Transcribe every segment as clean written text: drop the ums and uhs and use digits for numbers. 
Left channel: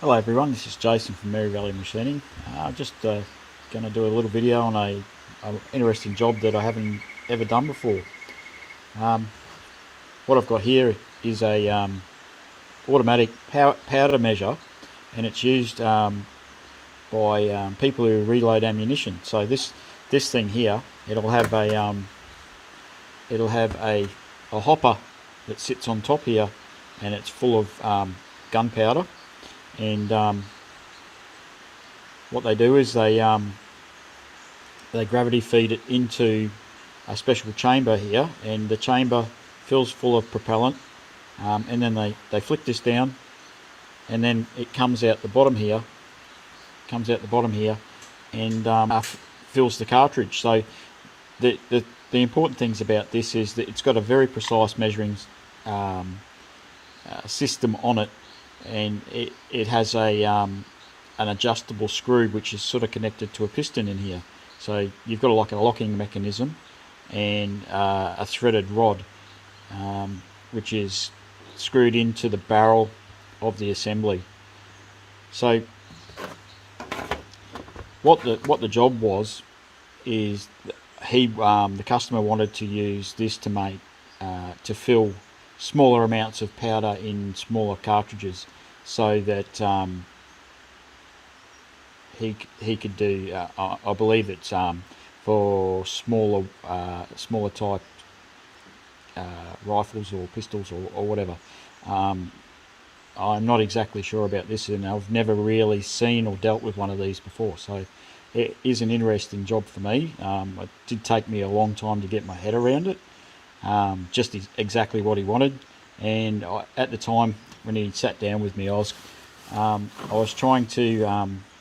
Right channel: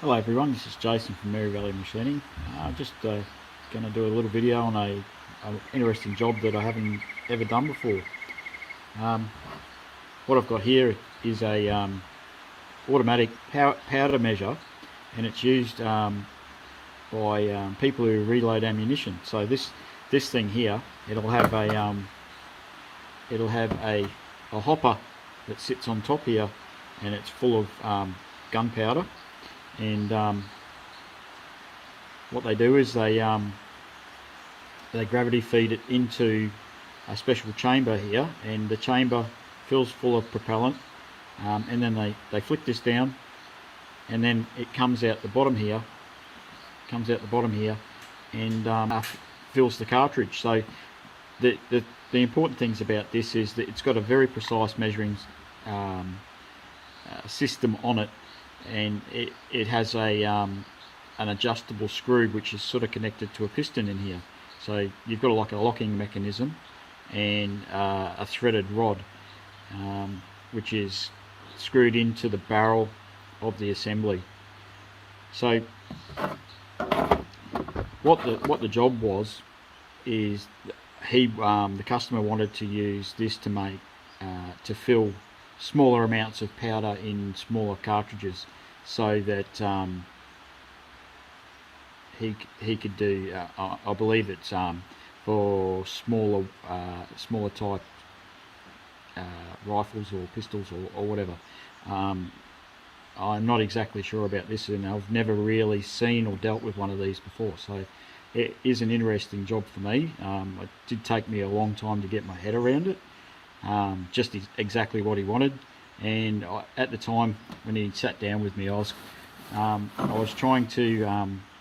Hello everyone, this is Jason from Mary Valley Machining. Just going to do a little video on a interesting job that I haven't ever done before. Um, what I've got here is a automatic powder measure, and it's used by people who reload ammunition. So this thing here, it'll have a hopper that sits on top here, and it's full of gunpowder. And what they do is they gravity feed it into a special chamber here, and the chamber fills full of propellant, and then they flick this down, and then it comes out the bottom here, and fills the cartridge. So the important things about this is that it's got a very precise measuring system on it, and it has an adjustable screw which is sort of connected to a piston in here. So you've got like a locking mechanism and a threaded rod, which is screwed into the barrel of the assembly. So what the job was is the customer wanted to use this to make to fill smaller amounts of powder in smaller cartridges, so that he could do. I believe it's for smaller type rifles or pistols or whatever. I'm not exactly sure about this, and I've never really seen or dealt with one of these before. So it is an interesting job for me. It did take me a long time to get my head around it, just exactly what he wanted. And at the time when he sat down with me, I was trying to,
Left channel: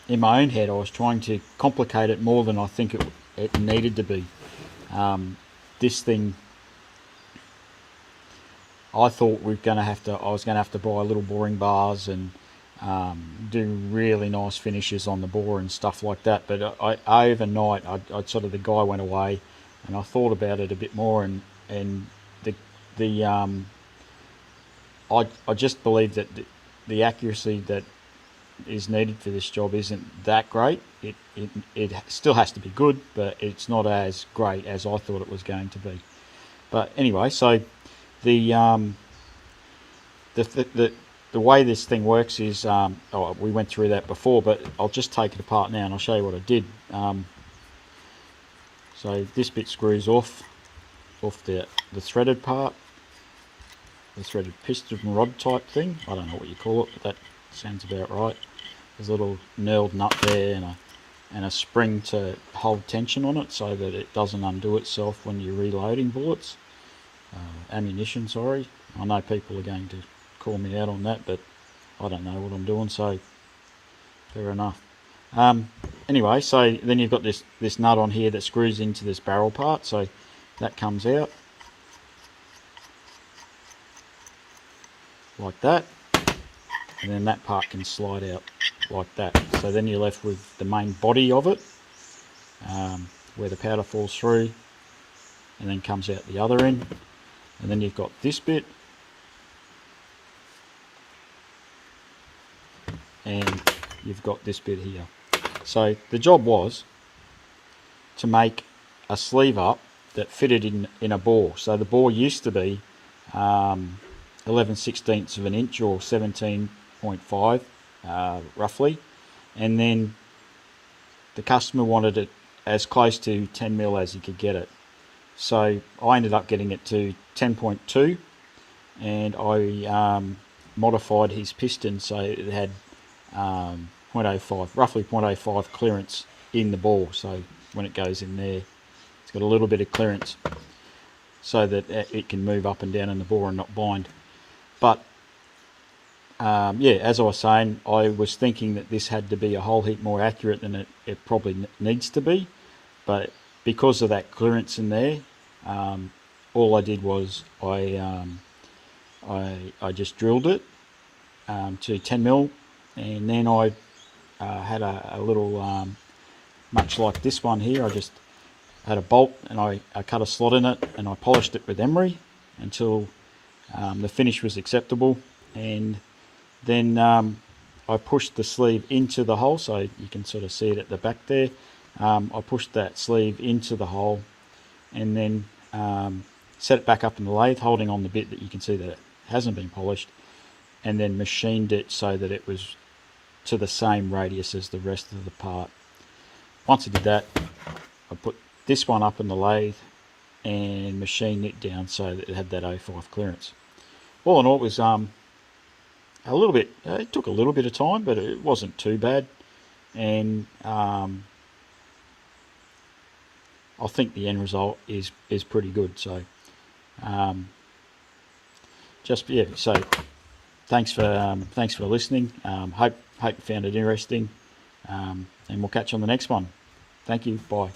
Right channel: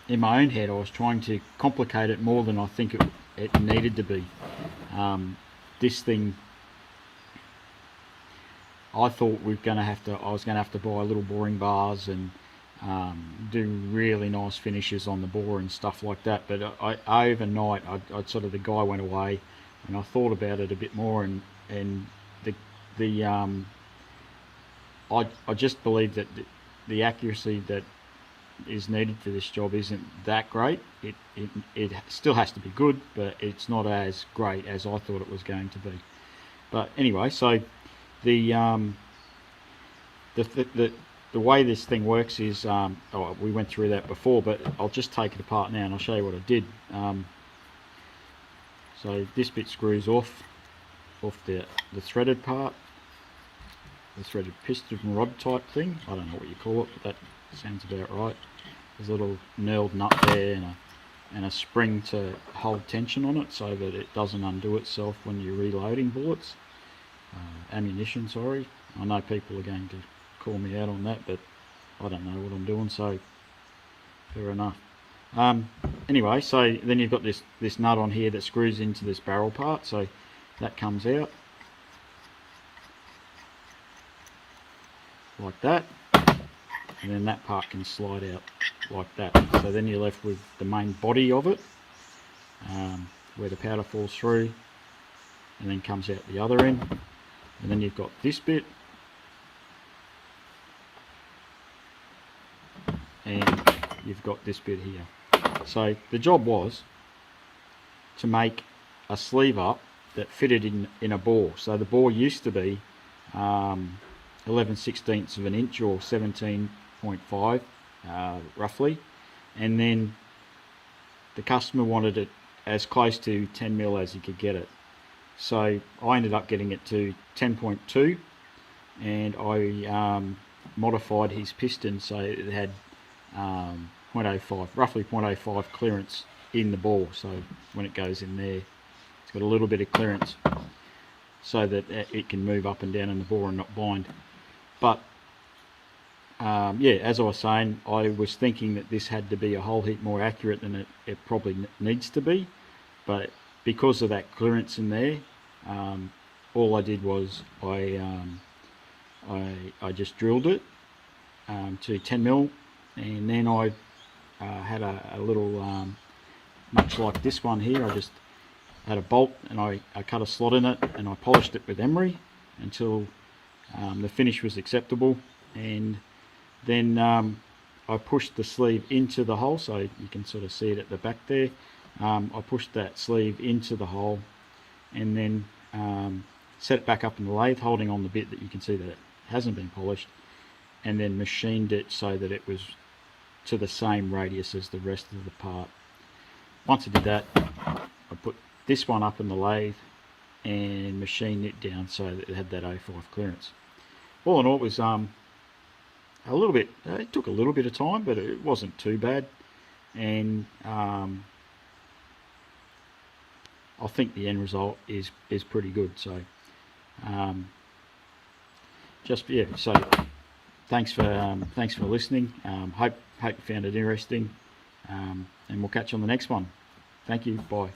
in my own head, I was trying to complicate it more than I think it needed to be. This thing, I thought I was going to have to buy little boring bars and do really nice finishes on the bore and stuff like that. But overnight, the guy went away, and I thought about it a bit more, and the I just believe that the accuracy that is needed for this job isn't that great. It still has to be good, but it's not as great as I thought it was going to be. But anyway, so the the way this thing works is, we went through that before, but I'll just take it apart now and I'll show you what I did. So this bit screws off the threaded part, the threaded piston rod type thing. I don't know what you call it, but that sounds about right. There's a little knurled nut there and a spring to hold tension on it so that it doesn't undo itself when you're reloading bullets. Ammunition, sorry. I know people are going to call me out on that, but I don't know what I'm doing, so fair enough. Anyway, so then you've got this nut on here that screws into this barrel part, so that comes out like that, and then that part can slide out like that. So then you're left with the main body of it, where the powder falls through and then comes out the other end, and then you've got this bit, and you've got this bit here. So the job was to make a sleeve up that fitted in a bore. So the bore used to be 11/16 of an inch, or 17.5 roughly, and then the customer wanted it as close to 10mm as he could get it. So I ended up getting it to 10.2, and I modified his piston so it had 0.05, roughly 0.05 clearance in the bore. So when it goes in there, it's got a little bit of clearance so that it can move up and down in the bore and not bind. But yeah, as I was saying, I was thinking that this had to be a whole heap more accurate than it probably needs to be. But because of that clearance in there, all I did was I just drilled it to 10mm, and then I had a little, much like this one here, I just had a bolt and I cut a slot in it and I polished it with emery until the finish was acceptable, and then I pushed the sleeve into the hole, so you can sort of see it at the back there. I pushed that sleeve into the hole and then set it back up in the lathe, holding on the bit that you can see that it hasn't been polished, and then machined it so that it was to the same radius as the rest of the part. Once I did that, I put this one up in the lathe and machined it down so that it had that 05 clearance. All in all, it was a little bit, it took a little bit of time, but it wasn't too bad. And I think the end result is pretty good. So so thanks for listening. Hope you found it interesting, and we'll catch you on the next one. Thank you. Bye.